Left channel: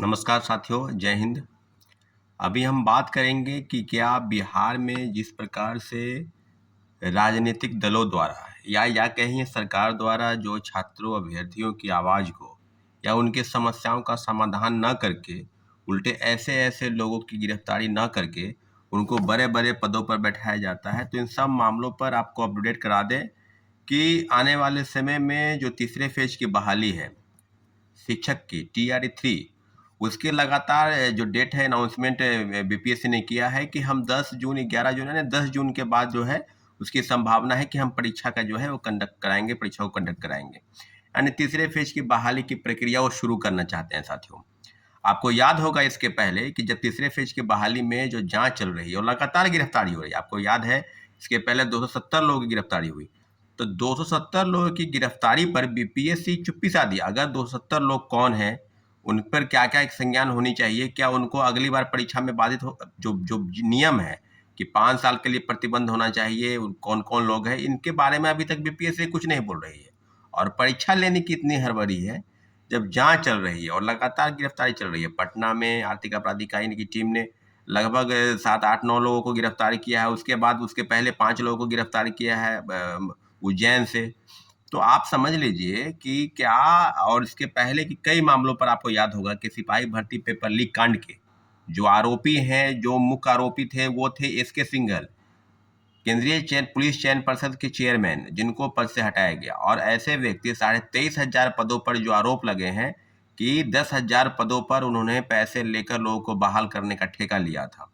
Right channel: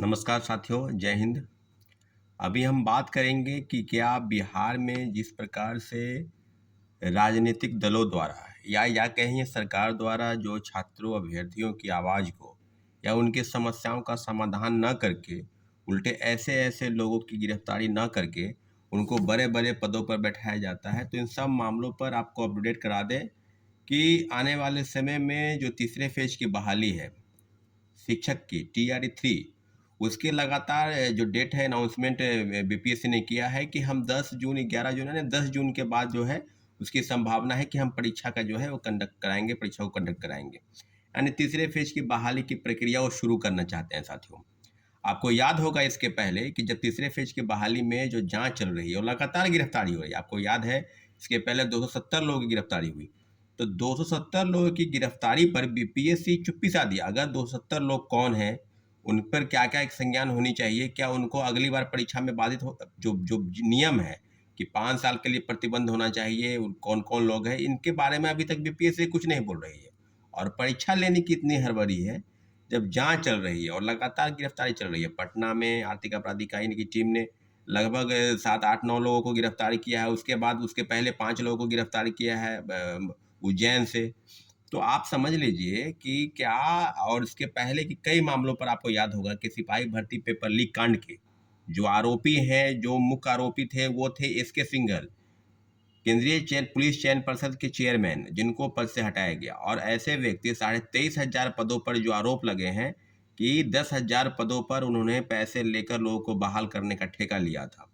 नमस्कार साथियों, जय हिंद। अभी हम बात करेंगे कि क्या बिहार में जिस प्रकार से राजनीतिक दलों द्वारा या कहिए सरकार द्वारा जो छात्रों अभ्यर्थियों की आवाज़ को या उनके समस्याओं का समाधान न करके उल्टे ऐसे-ऐसे लोगों की गिरफ्तारी न करके उनको बड़े-बड़े पदों पर बैठाया जाता है। तो इन सब मामलों पर आपको अपडेट करा दें कि आने वाले समय में जो तीसरे फेज़ की बहाली है शिक्षक की टीआरई 3 उसकी लगातार जो डेट है अनाउंसमेंट बीपीएससी ने किया है कि हम 10 जून 11 जून यानी 10 जून के बाद जो है उसकी संभावना है कि हम परीक्षा का जो है वो कंडक्ट कराएंगे, परीक्षा को कंडक्ट कराएंगे। यानी तीसरे फेज की बहाली की प्रक्रिया वो शुरू करना चाहते हैं साथियों। आपको याद होगा इसके पहले कि जब तीसरे फेज की बहाली में जो जांच चल रही है और लगातार गिरफ्तारी हो रही है, आपको याद है इसके पहले 270 लोगों की गिरफ्तारी हुई। तो 270 लोगों की गिरफ्तारी पर बीपीएससी चुप्पी सा दी। अगर 270 लोग कौन हैं, उन पर क्या-क्या एक संज्ञान होनी चाहिए, क्या उनको अगली बार परीक्षा में बाधित हो जो जो नियम है कि 5 साल के लिए प्रतिबंध होना चाहिए, कौन-कौन लोग हैं, इनके बारे में अभी तक बीपीएससी कुछ नहीं बोल रही है। और परीक्षा लेने की इतनी हड़बड़ी है जब जांच चल रही है और लगातार गिरफ्तारी चल रही है। पटना में आर्थिक अपराध इकाई की टीम ने लगभग 7, 8, 9 लोगों को गिरफ्तार किया है। उसके बाद उसके पहले 5 लोगों को गिरफ्तार किया है उज्जैन से। तो आप समझ लीजिए कि क्या और इसके पहले की कई मामलों पर आपको याद होगा कि सिपाही भर्ती पेपर लीक कांड के जो आरोपी हैं, जो मुख्य आरोपी थे, वो थे एसके सिंघल। केंद्रीय पुलिस चयन पर्षद के चेयरमैन जिनको पद से हटाया गया और ऐसे व्यक्ति 23,500 पदों पर जो आरोप लगे हैं कि 10,000 पदों पर उन्होंने पैसे लेकर लोगों को बहाल करने का ठेका लिया था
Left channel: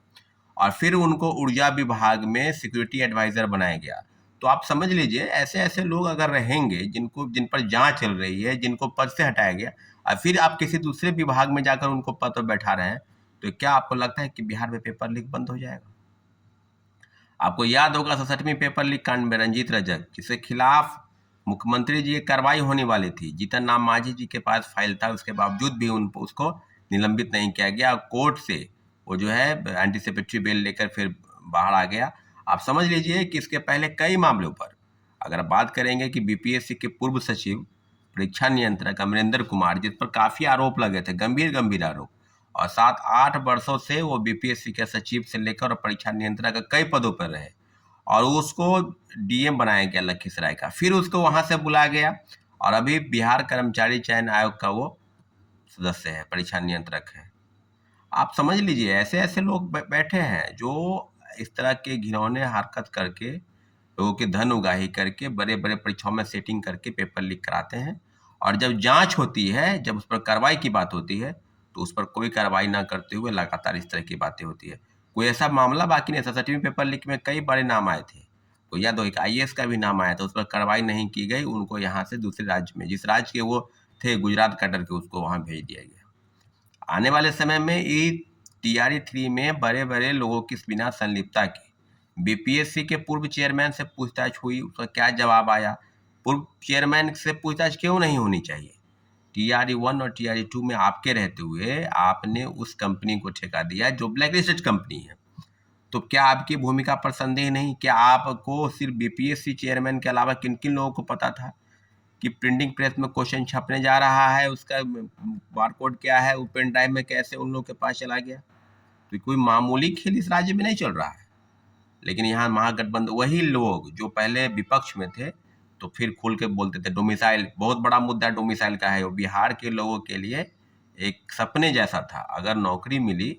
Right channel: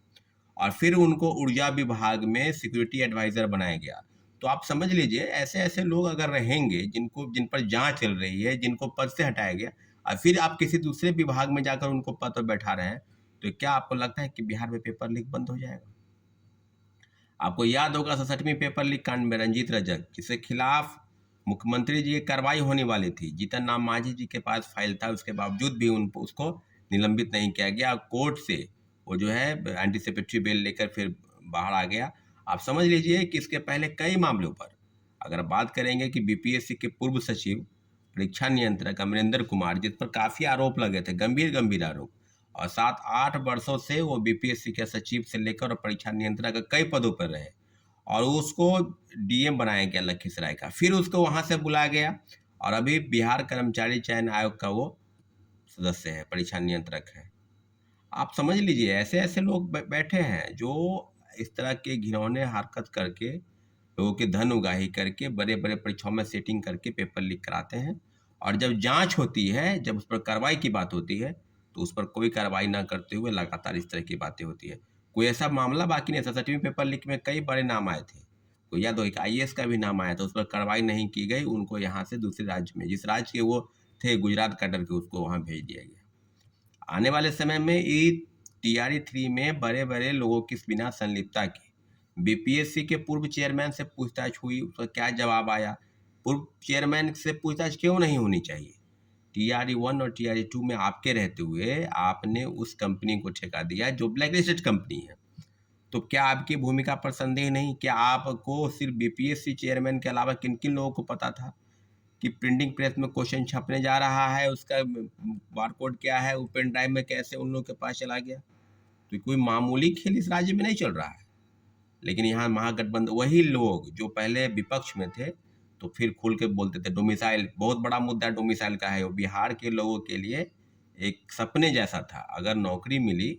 और फिर उनको ऊर्जा विभाग में सिक्योरिटी एडवाइजर बनाया गया। तो आप समझ लीजिए ऐसे-ऐसे लोग अगर रहेंगे जिन पर जांच चल रही है, जिनको पद से हटाया गया और फिर आप किसी दूसरे विभाग में जाकर उनको पद पर बैठा रहे हैं, तो क्या आपको लगता है कि बिहार में पेपर लीक बंद हो जाएगा? आपको याद होगा 67वीं पेपर लीक कांड में रंजीत रजक जिसके खिलाफ मुख्यमंत्री जी की कार्रवाई होने वाली थी। जीतन राम मांझी जी के पास फाइल था, उसके बावजूद भी उन उसको निलंबित नहीं किया गया। कोर्ट से वो जो है एंटीसिपेटरी बेल लेकर फिर बाहर आ गया। आप समझ लीजिए कि इसके पहले कई मामलों पर अगर बात करेंगे कि बीपीएससी के पूर्व सचिव परीक्षा नियंत्रक अमरिंदर कुमार जिस पर काफी आरोप लगे थे, गंभीर आरोप, और 7-8 वर्षों से वो बीपीएससी के सचिव से लेकर और परीक्षा नियंत्रक के कई पदों पर रहे और उसको डीएम बनाया गया लखीसराय का। फिर उसको वहां से बुलाया गया और अभी बिहार कर्मचारी चयन आयोग का वो सदस्य है, परीक्षा नियंत्रक है। आप समझ लीजिए ऐसे-ऐसे लोग बैठे हैं जो इस तरह के घिनौने हरकत करके, लोगों की धन उगाही करके, बड़े-बड़े परीक्षाओं में सेटिंग करके पेपर लीक कराते हैं और जब जाँच होती है, जब उस पर कार्रवाई की बात होती है, तो उस पर कोई कार्रवाई ना करते हुए लगातार इस तरह की बातें होती है। कोई ऐसा मामला बाकी नहीं था, 67वीं पेपर लीक में कई बड़े नाम आए थे। तो याद हो एक आईएएस का भी नाम आया था, उस पर कार्रवाई नहीं की गई, उनको यहाँ से दूसरे राज्य में जिस राज्य के वो थे गुजरात कैडर के उसको वहाँ भेज दिया गया। आने वाले समय में ये टीआरई 3 में बड़े-बड़े लोगों की बिना संलिप्तता के बीपीएससी के पूर्व चेयरमैन से पूछताछ हुई, उसका क्या जवाब आया? पूर्व चेयरमैन से पूछताछ क्यों नहीं होनी चाहिए? टीआरई 1 और टीआरई 2 में आपके रहते हुए आपने उस कंपनी को ठेका दिया जो ब्लैकलिस्टेड कंपनी है। तो क्या आपकी भूमिका पर संदेह नहीं? क्या आपको सिर्फ बीपीएससी चेयरमैन के अलावा किन-किन लोगों को पता था कि प्रिंटिंग प्रेस में क्वेश्चन छपने जा रहा है, उसका बारकोड क्या है, वो पेन ड्राइव में कैसे उन लोगों के पास चला गया? तो कोई मामूली खेल इस राज्य में नहीं चल रहा है। लेकिन यहाँ महागठबंधन वही लोग जो पहले विपक्ष में थे, तो फिर खुल के बोलते थे डोमिसाइल बहुत बड़ा मुद्दा डोमिसाइल का है। वो बिहार के लोगों के लिए एक सपने जैसा था। अगर नौकरी मिली,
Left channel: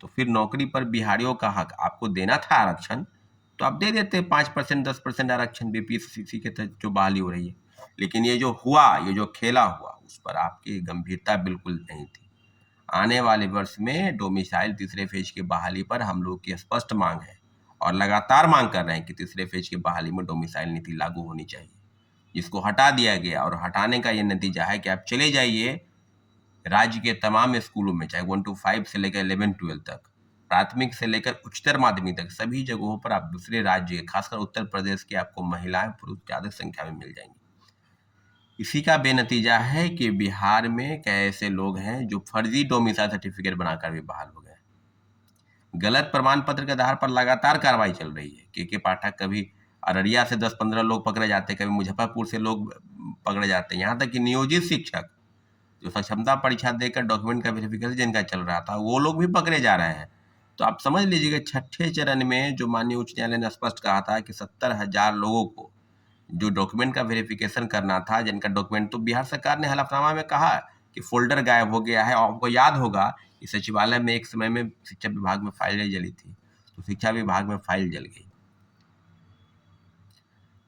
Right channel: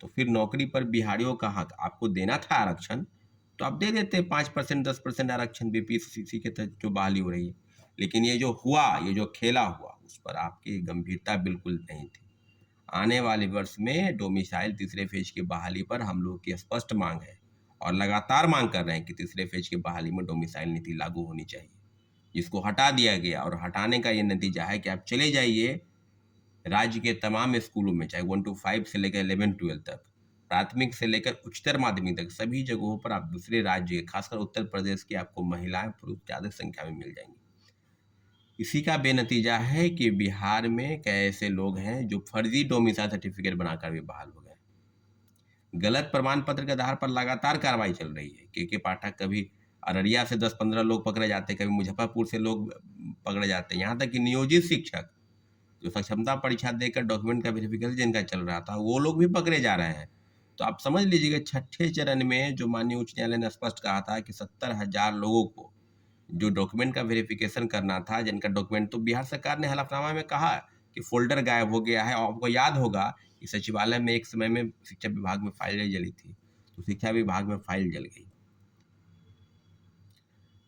तो फिर नौकरी पर बिहारियों का हक आपको देना था आरक्षण, तो आप दे देते 5% 10% आरक्षण बीपीएससी के तहत जो बहाली हो रही है। लेकिन ये जो हुआ, ये जो खेला हुआ, उस पर आपकी गंभीरता बिल्कुल नहीं थी। आने वाले वर्ष में डोमिसाइल तीसरे फेज की बहाली पर हम लोग की स्पष्ट मांग है और लगातार मांग कर रहे हैं कि तीसरे फेज की बहाली में डोमिसाइल नीति लागू होनी चाहिए। जिसको हटा दिया गया और हटाने का ये नतीजा है कि आप चले जाइए राज्य के तमाम स्कूलों में, चाहे 1 to 5 से लेकर 11-12 तक, प्राथमिक से लेकर उच्चतर माध्यमिक तक, सभी जगहों पर आप दूसरे राज्य, खासकर उत्तर प्रदेश की आपको महिलाएं, पुरुष ज़्यादा संख्या में मिल जाएंगे। इसी का बेनतीजा है कि बिहार में कई ऐसे लोग हैं जो फर्जी डोमिसाइल सर्टिफिकेट बनाकर भी बहाल हो गए। गलत प्रमाण पत्र के आधार पर लगातार कार्रवाई चल रही है। के पाठक कभी अररिया से 10-15 लोग पकड़े जाते हैं, कभी मुजफ्फरपुर से लोग पकड़े जाते हैं। यहाँ तक कि नियोजित शिक्षक जो सक्षमता परीक्षा देकर डॉक्यूमेंट का वेरिफिकेशन जिनका चल रहा था, वो लोग भी पकड़े जा रहे हैं। तो आप समझ लीजिए कि छठे चरण में जो माननीय उच्च न्यायालय ने स्पष्ट कहा था कि 70,000 लोगों को जो डॉक्यूमेंट का वेरिफिकेशन करना था, जिनका डॉक्यूमेंट, तो बिहार सरकार ने हलफनामा में कहा कि फ़ोल्डर गायब हो गया है। और आपको याद होगा कि सचिवालय में एक समय में शिक्षा विभाग में फाइलें जली थी, तो शिक्षा विभाग में फाइल जल गई।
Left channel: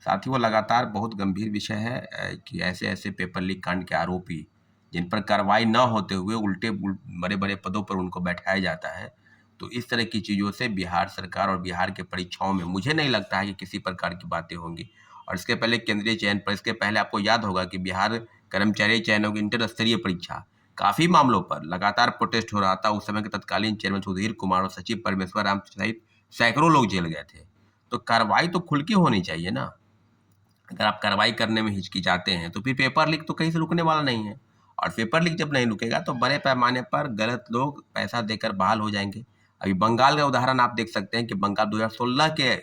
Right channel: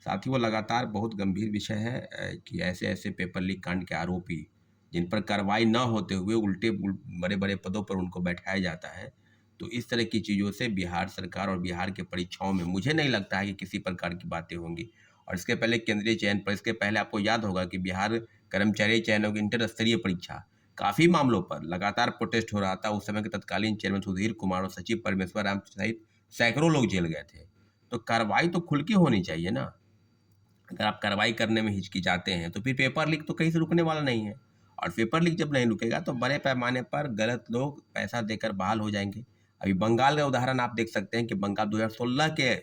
साथ ही वो लगातार बहुत गंभीर विषय है कि ऐसे-ऐसे पेपर लीक कांड के आरोपी, जिन पर कार्रवाई न होते हुए उल्टे बड़े-बड़े पदों पर उनको बैठाया जाता है। तो इस तरह की चीज़ों से बिहार सरकार और बिहार के परीक्षाओं में मुझे नहीं लगता है कि किसी प्रकार की बातें होंगी। और इसके पहले केंद्रीय चयन पर, इसके पहले आपको याद होगा कि बिहार कर्मचारी चयन की इंटर स्तरीय परीक्षा, काफ़ी मामलों पर लगातार प्रोटेस्ट हो रहा था। उस समय के तत्कालीन चेयरमैन सुधीर कुमार और सचिव परमेश्वर राम सहित सैकड़ों लोग जेल गए थे। तो कार्रवाई तो खुल के होनी चाहिए ना। अगर आप कार्रवाई करने में हिचकिचाते हैं, तो फिर पेपर लीक तो कहीं से रुकने वाला नहीं है। और पेपर लीक जब नहीं रुकेगा, तो बड़े पैमाने पर गलत लोग पैसा देकर बहाल हो जाएँगे। अभी बंगाल का उदाहरण आप देख सकते हैं कि बंगाल 2016 के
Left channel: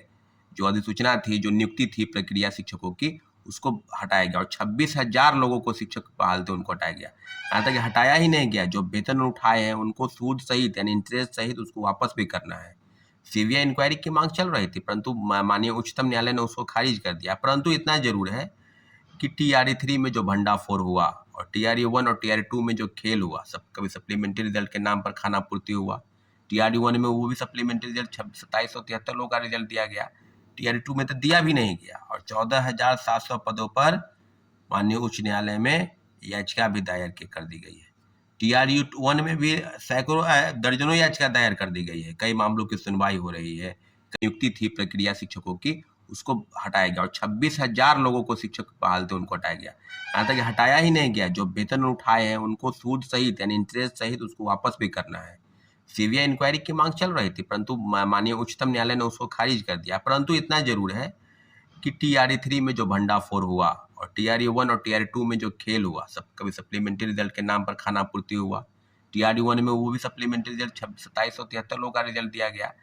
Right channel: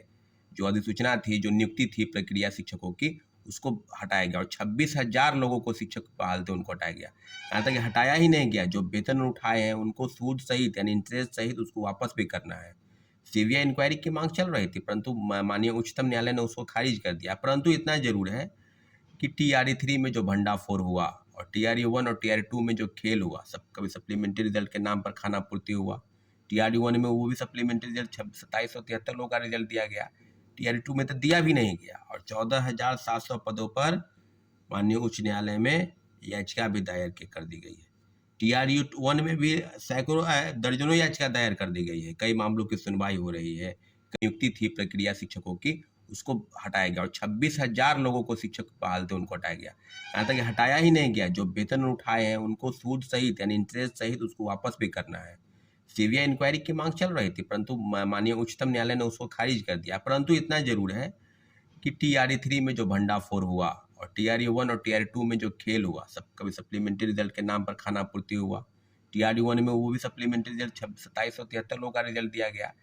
जो अधिसूचना थी, जो नियुक्ति थी प्रक्रिया शिक्षकों की, उसको हटाया गया और 26,000 लोगों को शिक्षक बहाल थे, उनको हटाया गया। यहाँ तक कि हटाया ही नहीं गया, जो वेतन उठाए हैं, उनको सूद सहित यानी इंटरेस्ट सहित उसको वापस भी करना है। सीबीआई इंक्वायरी की मांग चल रही थी, परंतु माननीय उच्चतम न्यायालय ने उसको खारिज कर दिया। परंतु इतना जरूर है कि TRE 3 में जो भंडाफोड़ हुआ और TRE 1 और TRE 2 में जो खेल हुआ, सब कभी सप्लीमेंट्री रिजल्ट के नाम पर खाना पूर्ति हुआ। TRE 1 में वो भी सप्लीमेंट्री रिजल्ट 2773 लोगों का रिजल्ट दिया गया। TRE 2 में तो दिया भी नहीं गया। और 14,700 पदों पर माननीय उच्च न्यायालय में याचिका भी दायर कर दी गई है। TRE 1 में भी सैकड़ों दर्जनों याचिका दायर कर दी गई है। कई मामलों की सुनवाई हो रही है। नियुक्ति थी प्रक्रिया शिक्षकों की, उसको हटाया गया और 26,000 लोगों को शिक्षक बहाल थे, उनको हटाया गया। यहाँ तक कि हटाया ही नहीं गया, जो वेतन उठाए हैं, उनको सूद सहित यानी इंटरेस्ट सहित उसको वापस भी करना है। सीबीआई इंक्वायरी की मांग चल रही थी, परंतु माननीय उच्चतम न्यायालय ने उसको खारिज कर दिया। परंतु इतना जरूर है कि TRE 3 में जो भंडाफोड़ हुआ और TRE 1 और TRE 2 में जो खेल हुआ, सब कभी सप्लीमेंट्री रिजल्ट के नाम पर खाना पूर्ति हुआ। TRE 1 में वो भी सप्लीमेंट्री रिजल्ट 2773 लोगों का रिजल्ट दिया गया।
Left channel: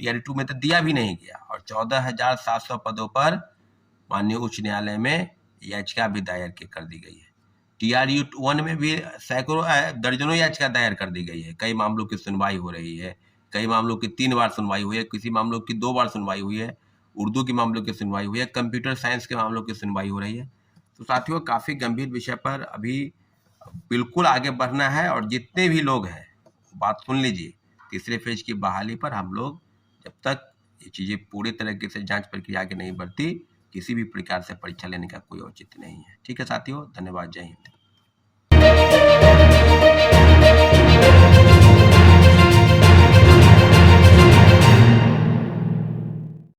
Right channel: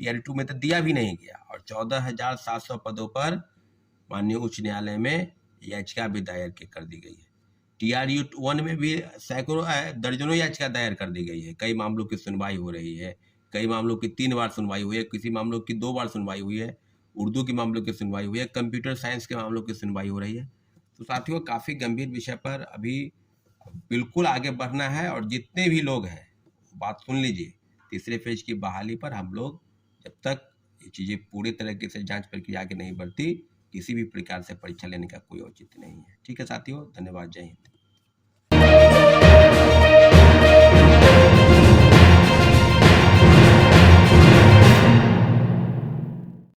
TRE 2 में तो दिया भी नहीं गया। और 14,700 पदों पर माननीय उच्च न्यायालय में याचिका भी दायर कर दी गई है। TRE 1 में भी सैकड़ों दर्जनों याचिका दायर कर दी गई है। कई मामलों की सुनवाई हो रही है। कई मामलों की 3 बार सुनवाई हुई है, किसी मामलों की 2 बार सुनवाई हुई है। उर्दू के मामलों की सुनवाई हुई है, कंप्यूटर साइंस के मामलों की सुनवाई हो रही है। तो साथियों, काफ़ी गंभीर विषय पर अभी बिल्कुल आगे बढ़ना है। और जितने भी लोग हैं, बात सुन लीजिए, तीसरे फेज की बहाली पर हम लोग जब तक ये चीज़ें पूरे तरीके से जांच प्रक्रिया आगे नहीं बढ़ती, किसी भी प्रकार से परीक्षा लेने का कोई औचित्य नहीं है। ठीक है साथियों, धन्यवाद। जय हिंद।